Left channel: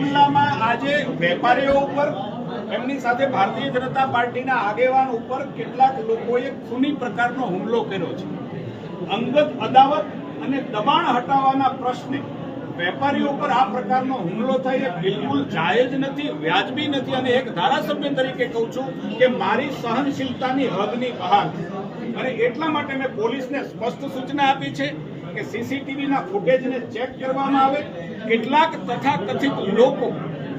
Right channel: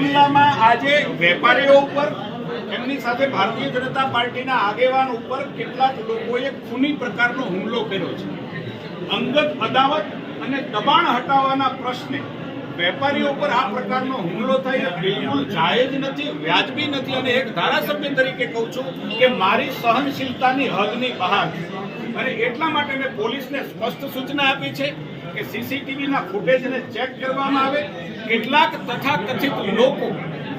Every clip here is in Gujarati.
સાવરકુંડલામાં આજે વેપારીઓ ઉપર, એમની સાથે ભારતીય જનતા પાર્ટીના આગેવાન ઉપર કેટલાક લોકોએ ખૂની પ્રકારનો હુમલો કર્યો છે. અંગત અદાવત અને દબાણ હટાવવાના પ્રશ્ને વેપારીઓ પર આ પ્રકારનો હુમલો થાય બિલકુલ જાયજ નથી, વ્યાજબી નથી અને એક ધારાસભ્ય તરીકે કહું છું કે મારી સહનશીલતાની હદની બહાર અને એટલા માટે મેં પોલીસને સ્પષ્ટ સૂચના આપી છે કે સીસીટીવીના ફૂટેજને ચેક કરવામાં આવે. કેટલાક તથાકથિત લોકો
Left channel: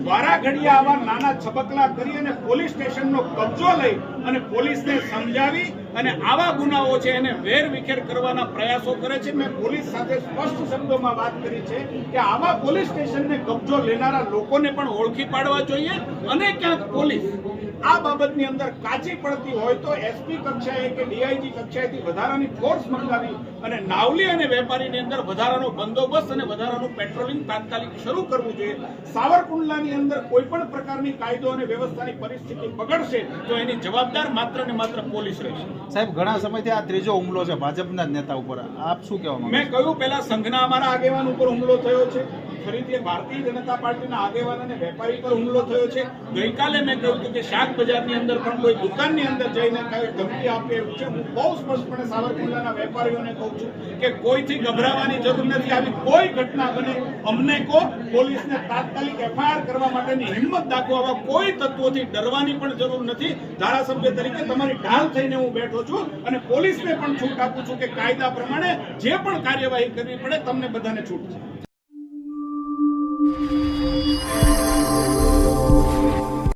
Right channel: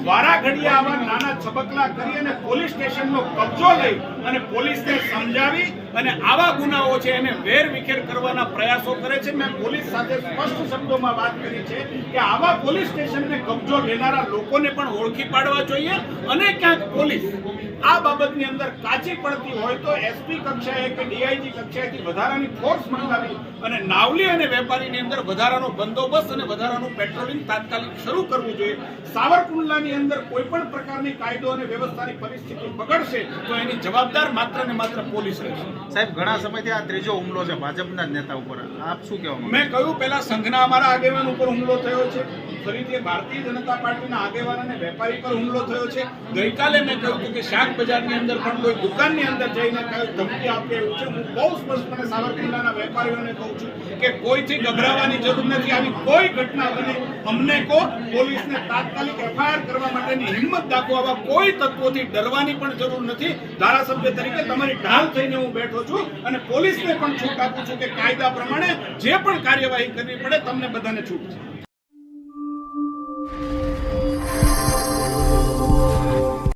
વારા ઘડીએ આવા નાના છબકલા કરી અને પોલીસ સ્ટેશનનો કબજો લઈ અને પોલીસને સમજાવી અને આવા ગુનાઓ છે એને વેર વિખેર કરવાના પ્રયાસો કરે છે. મેં પોલીસ સાથે સ્પષ્ટ શબ્દોમાં વાત કરી છે કે આવા પોલીસ સ્ટેશનને કબજો લેનારા લોકોને પણ ઓળખી પાડવા જોઈએ અને ક્યાંક પોલીસ આ બાબતની અંદર કાચી પડતી હોય તો એસપી કક્ષાએ કે ડીઆઈજી કક્ષાએથી વધારાની ફોર્સ મંગાવી અને નાવલી અને વેપારીની અંદર વધારાનો બંદોબસ્ત અને વધારાનું પેટ્રોલિંગ તાત્કાલિક શરૂ કરવું જોઈએ. સાવરકુંડલાની અંદર કોઈ પણ પ્રકારની કાયદો અને વ્યવસ્થાની પરિસ્થિતિ બગડશે તો એની જવાબદાર માત્ર ને માત્ર પોલીસ રહેશે. સાહેબ ઘણા સમયથી આ ત્રીજો હુમલો છે ભાજપના જ નેતા ઉપર. આપ શું કહેવા મેં કહ્યું પહેલા સંઘના અમારા આગેવાન ઉપર હુમલો થયો છે. ફરીથી ભારતીય જનતા પાર્ટીના આગેવાન અને વેપારી પર હુમલો થયો છે. ગઈકાલે મેં કહ્યું કે શાક બજારની અંદર પણ કોઈ દુકાનની અંદર જઈને કઈ ધમકી આપે એવું છે. હું બહુ સ્પષ્ટપણે સાવરકુંડલાના વેપારીઓને કહું છું કે કોઈથી ગભરાવાની જરૂર નથી. આવી કોઈ ઘટના બને અમને કો પોલીસને તાત્કાલિક એફઆઈઆર કરવા માટેની હિંમત દાખવો આવા કોઈ તત્વોથી ડરવાની પણ જરૂર નથી. ધારાસભ્ય તરીકે તમારી ઢાલ થઈને હું બેઠો છું અને પોલીસને પણ છૂટ આપું છું કે કાયદા પ્રમાણે જે પણ કાર્યવાહી કરવી પડે, તમને બધાને છૂટ છે.